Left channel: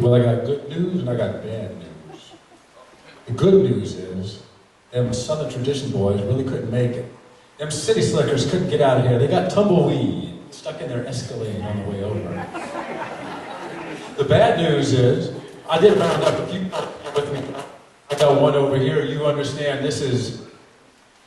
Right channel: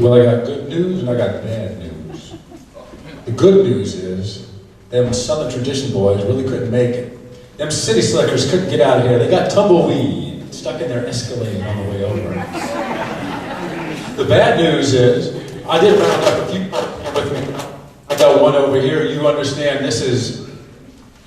Well, I got good news and I got bad news. The good news is, them Southern Tradition boys really couldn't make it. Them city slickers couldn't get out of here. They got tumbleweed stuck in their Escalade on the way over. The bad news is, I did round up a few with me. I got one over here. You understand this is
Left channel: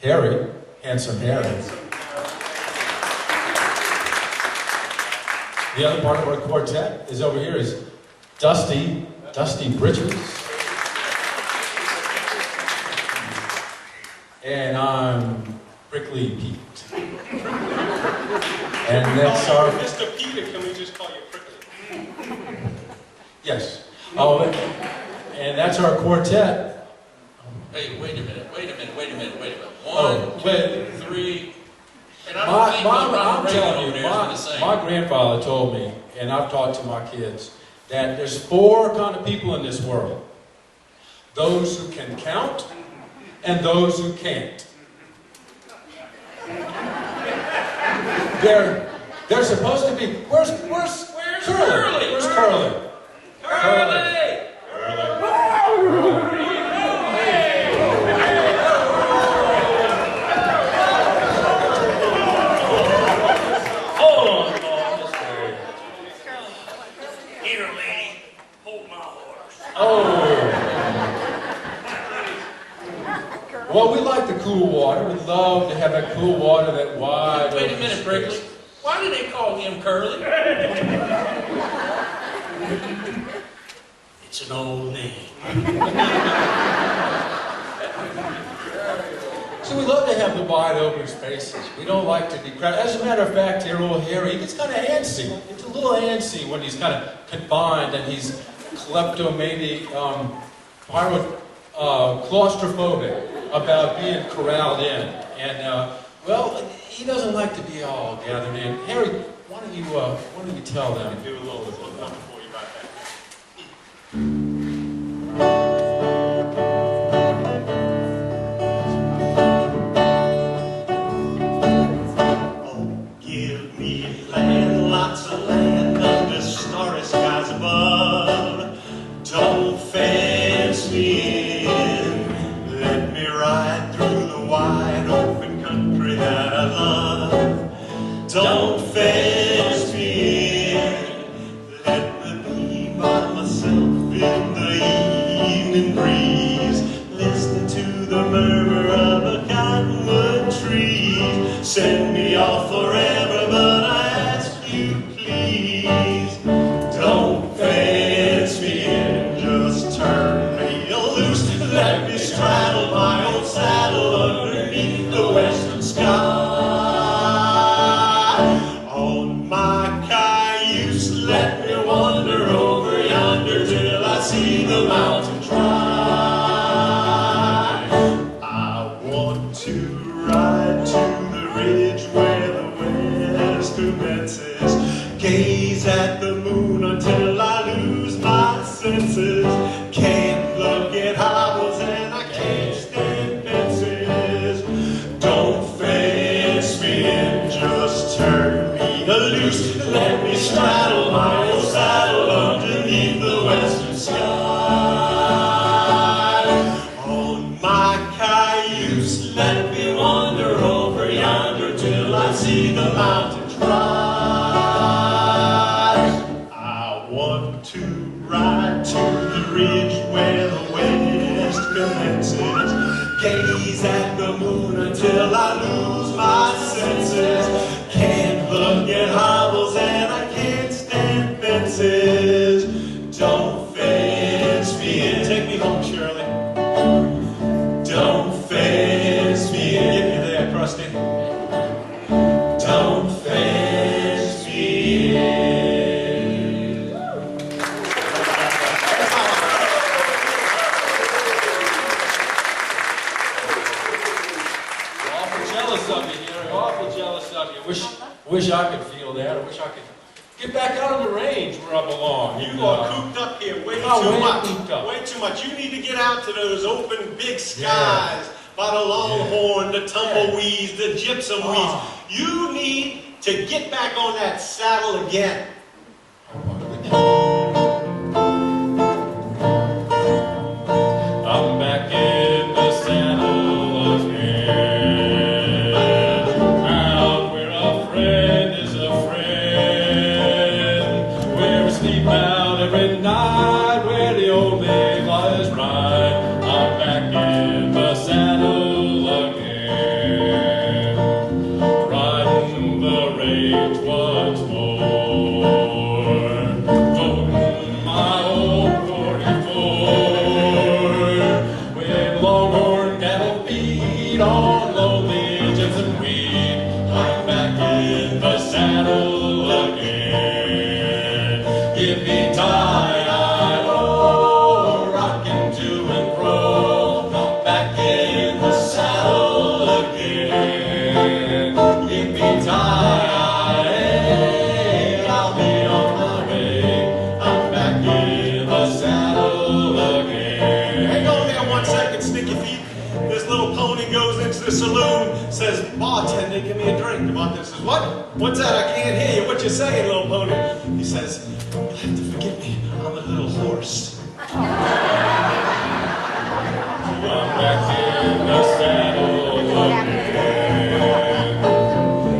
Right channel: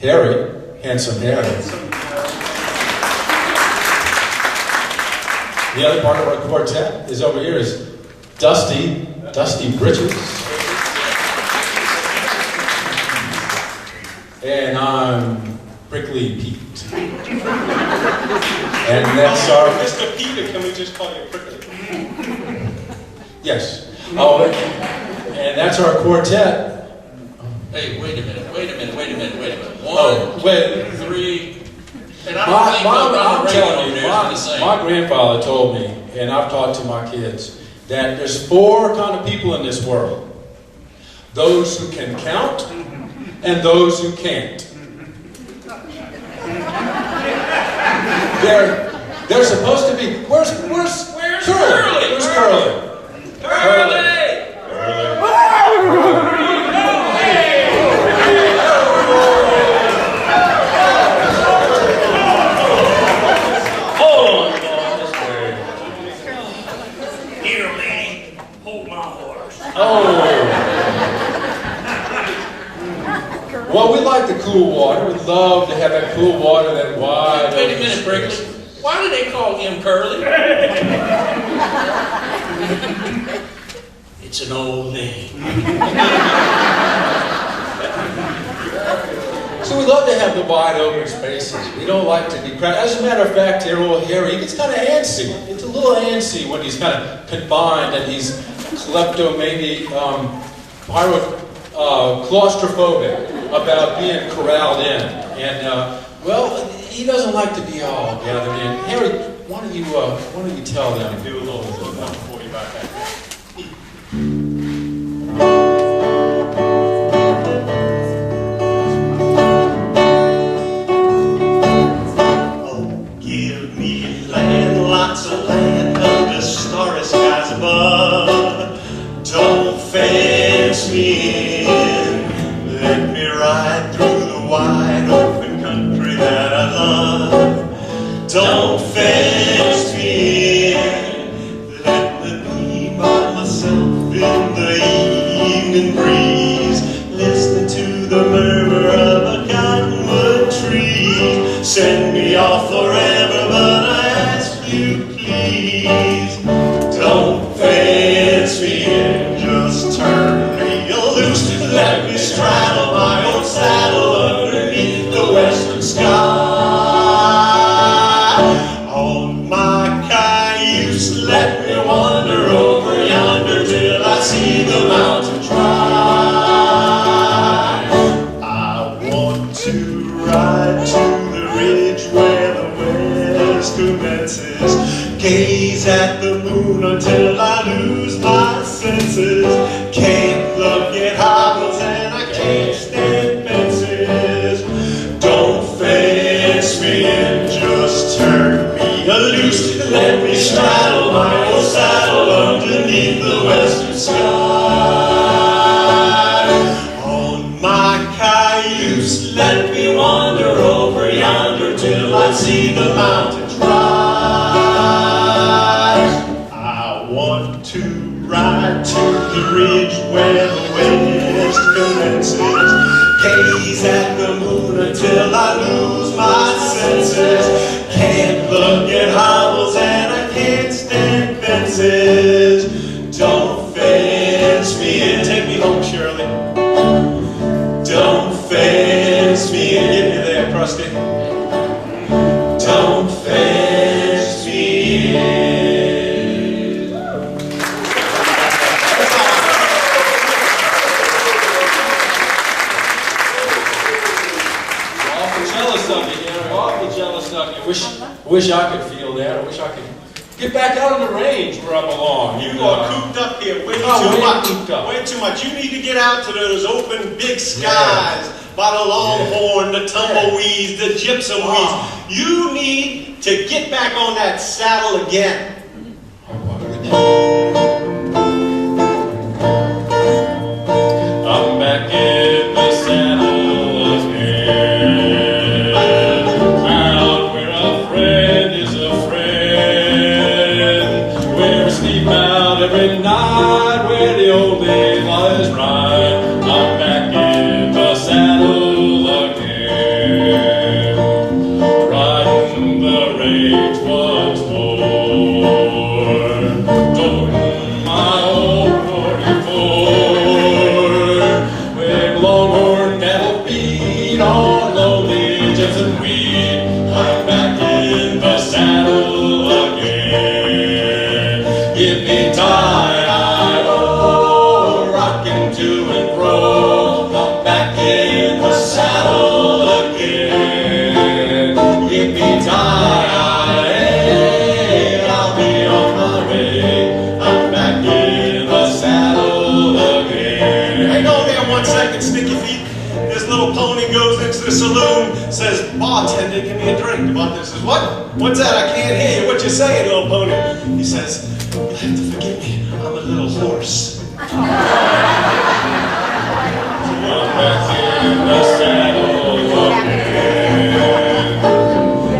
Harry, Handsome Harry. The other part of our quartet is over here is Dusty Bridges. And I'm Prickly Pete. And that's our... Mr. Peter, can we just call you Prickly? Yes. Oh, and that's our quartet. Hey, wait a minute. Oh, wait. 1, 2, 3. And I don't think I'm telling you, the same. my grandfather told me, and I've taught to my kids, that there's 4 kind of people in this world. Those who can count, and those who can't. They're supposed to be. Where's Curly? Where's Curly? Hold on, boss. Here, lady, hold my horse. Oh. Well, we like the cool water. We'd love to have that cool water, that wide. Wait a minute, Brickley. Why do they call him Curly? It's an old name. So we love to have the wide open spaces. We don't like to be crowded. As a matter of fact, here, old Harry, he gets kind of antsy. It's a little antsy when he's kind of confined and he's claustrophobic about being corralled in. And, well, he doesn't like to be all gathered in. Harry, why don't you tell them? Do a little something for you about that. Oh, give me land, lots of land under starry skies above. Don't fence me in. Let me ride through the wide open country that I love. Don't fence me in. Let me be by myself in the evening breeze, listening to the murmur of a cottonwood tree. Send me off forever, but I ask you please, don't fence me in. Just turn me loose. Let me straddle my own saddle underneath the western sky. On my cayuse, let me wander over yonder till I see the mountains rise. I want to ride to the ridge where the west commences, gaze at the moon until I lose my senses. Can't look at hobbles and I can't stand fences. Don't fence me in, just turn me loose. Let me straddle my old saddle underneath the western sky. On my cayuse, let me wander over yonder till I see the mountains rise. I want to ride to the ridge where the west commences, gaze at the moon until I lose my senses. Can't look at hobbles and I can't stand fences. Don't fence me in. Take me home, Shirley. Don't fence me in. Get me there, Krusty. Don't fence me in. Awful jealous of you, Harry. Awful jealous of you. Wish I could feel that. I wish I could get back out on the range where I belong. You are cooped up here way too much. Way too much. You need to get out to those open big skies by the longhorn, the tumbleweeds, the gypsum weeds. You need to get back on that saddle again. sleep out every night where the old days lies right. I'm back in the saddle again, riding the range once more, toting my old 44, with longhorn cattle feed on lonely gypsum weed. I'm back in the saddle again. Yippee-ki-yay-oh, rocking to and fro. I'm back in the saddle again. Yippee-ki-yay, I'll be on my way. I'm back in the saddle again. Hang on there 1 second, sticky feet. This little pony goes into the saloon, says, bartender, give me a drink. The bartender says, what? What's that? I can't hear you. What you saying, little pony? He says, you'll have to forgive me. I'm a little hoarse. I'm back in the saddle again.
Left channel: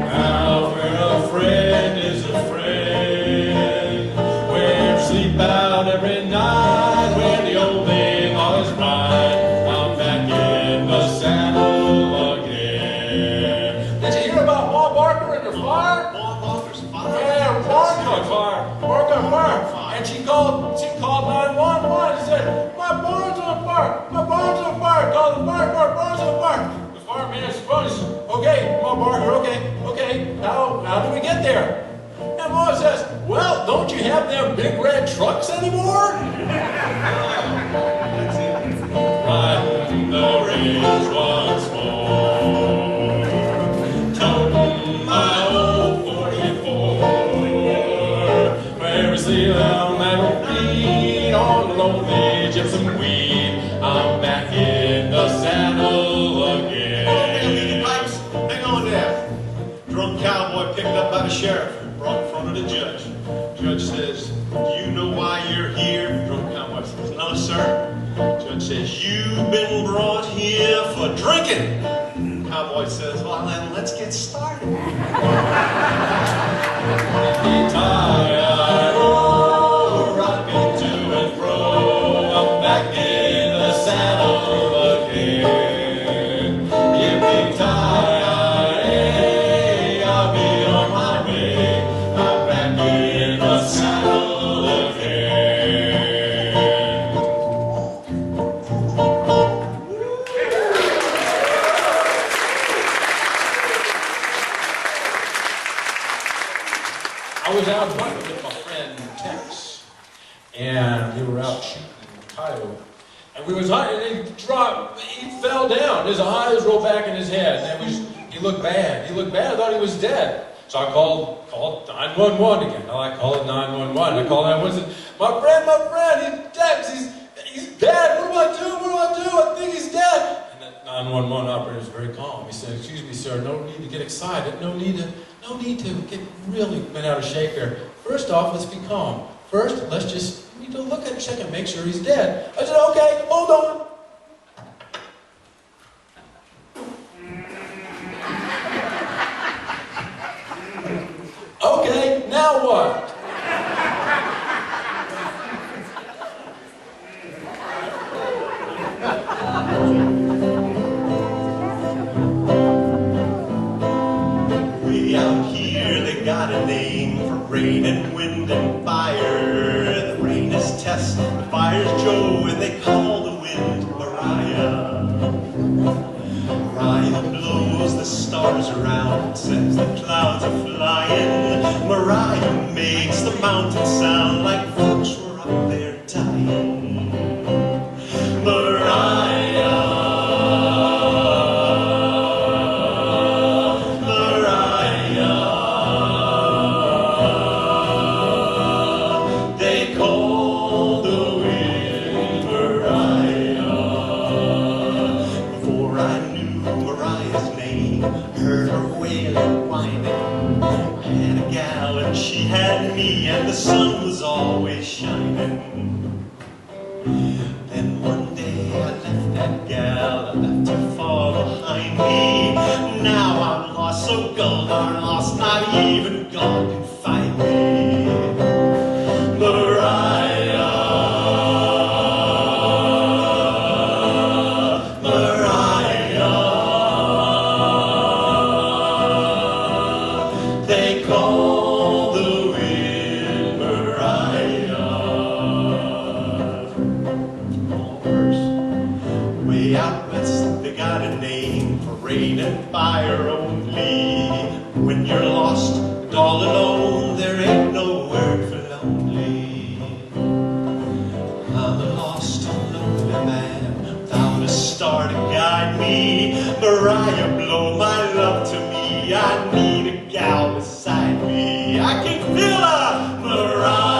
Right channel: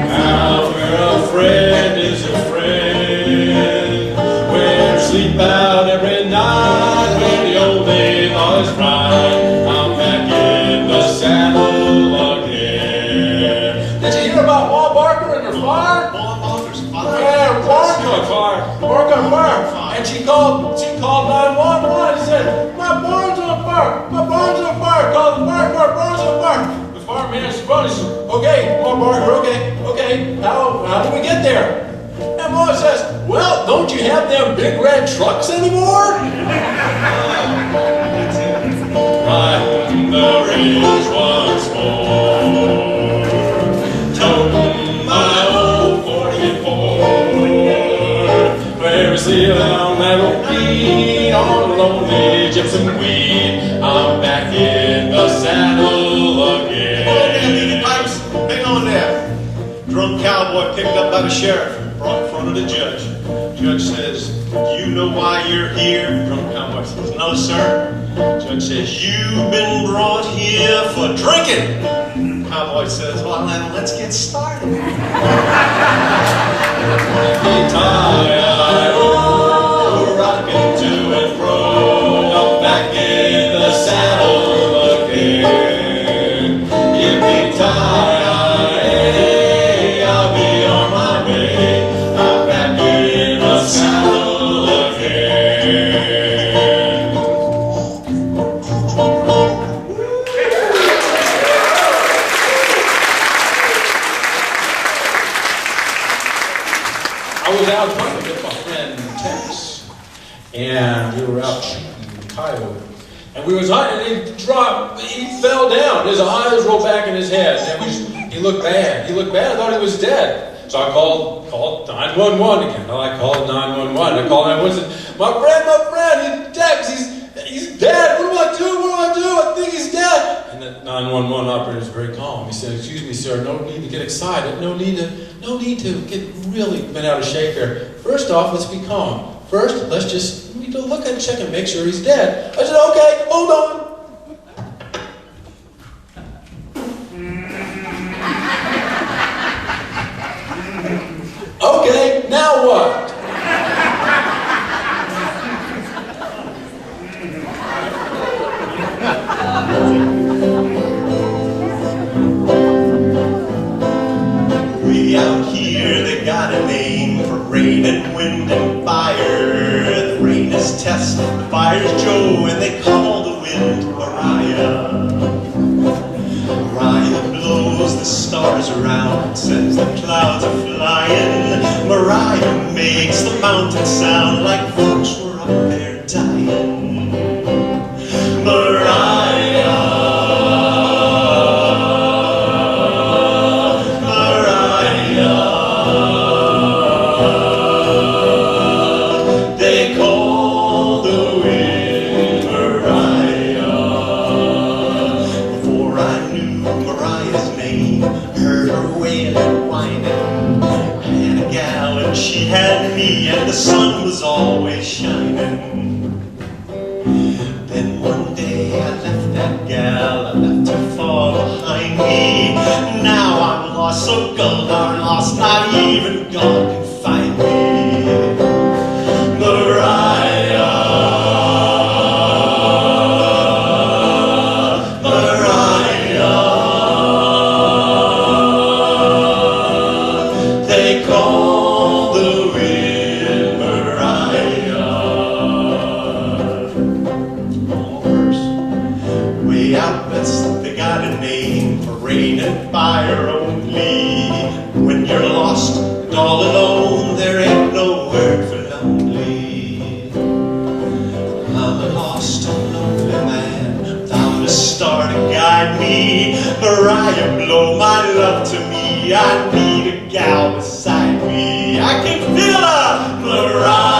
Now where a friend is a friend, where you sleep out every night when the old day lies bright. I'm back in the saddle again. Did you hear about Ma Barker and her fire? Yeah, bark on fire. And she called 911. She said, my barn's on fire. My barn's on fire. Call the fire department. Barn's on fire. The fireman responds, okay, Ma Barker, okay. How do we get there? And Ma says, well, don't you have them big red trucks anymore? Riding the range once more, toting my old 44, where we sleep down that old feed on the lonely gypsum weed. I'm back in the saddle again. Hang on there. Drunk cowboy picked up by the sheriff, brought in front of the judge. Judge says, do you know why you're here? Drunk cowboy says, no, sir. Judge says, you've been brought here for drinking. Cowboy says, well, then let's get started. Yippee-ki-yay-oh, rocking to and fro. I'm back in the saddle again. Yippee-ki-yay, I'll be on my way. I'm back in the saddle again. I was out hunting with my friend Tex, and we were out shooting coyote. And we was hunting, and he fell down. His eyes rolled back in his head, and he looked bad. I thought he was dead. So I called 911 again. I called 911. I called 911 and said, my friend, he's Tex, he's dead. What do I do? I think he's dead. And the 911 operator is very calm. He said, excuse me, sir, no need to get excited. No need to get really bent out of shape here. First off, let's be calm. First, let's just need to look and check and make sure he's dead. I said, okay, hold on. Okay, now what? We out here, they got a name for rain and wind and fire. The rain is Tess, the fire's Joe, and they call the wind Mariah. Mariah blows the stars around, sends the clouds a-flying. Mariah makes the mountains sound like folks were up there dying. Mariah. She had me and the sun was always shining. Then one day I left that gal, I left her far behind me. Now I'm lost, so gone, darn lost, not even God can find me. But lonely. I'm a lost and lonely man without a star to guide me. Mariah, blow my love to me. I need a gal beside me. I can feel her, Mariah.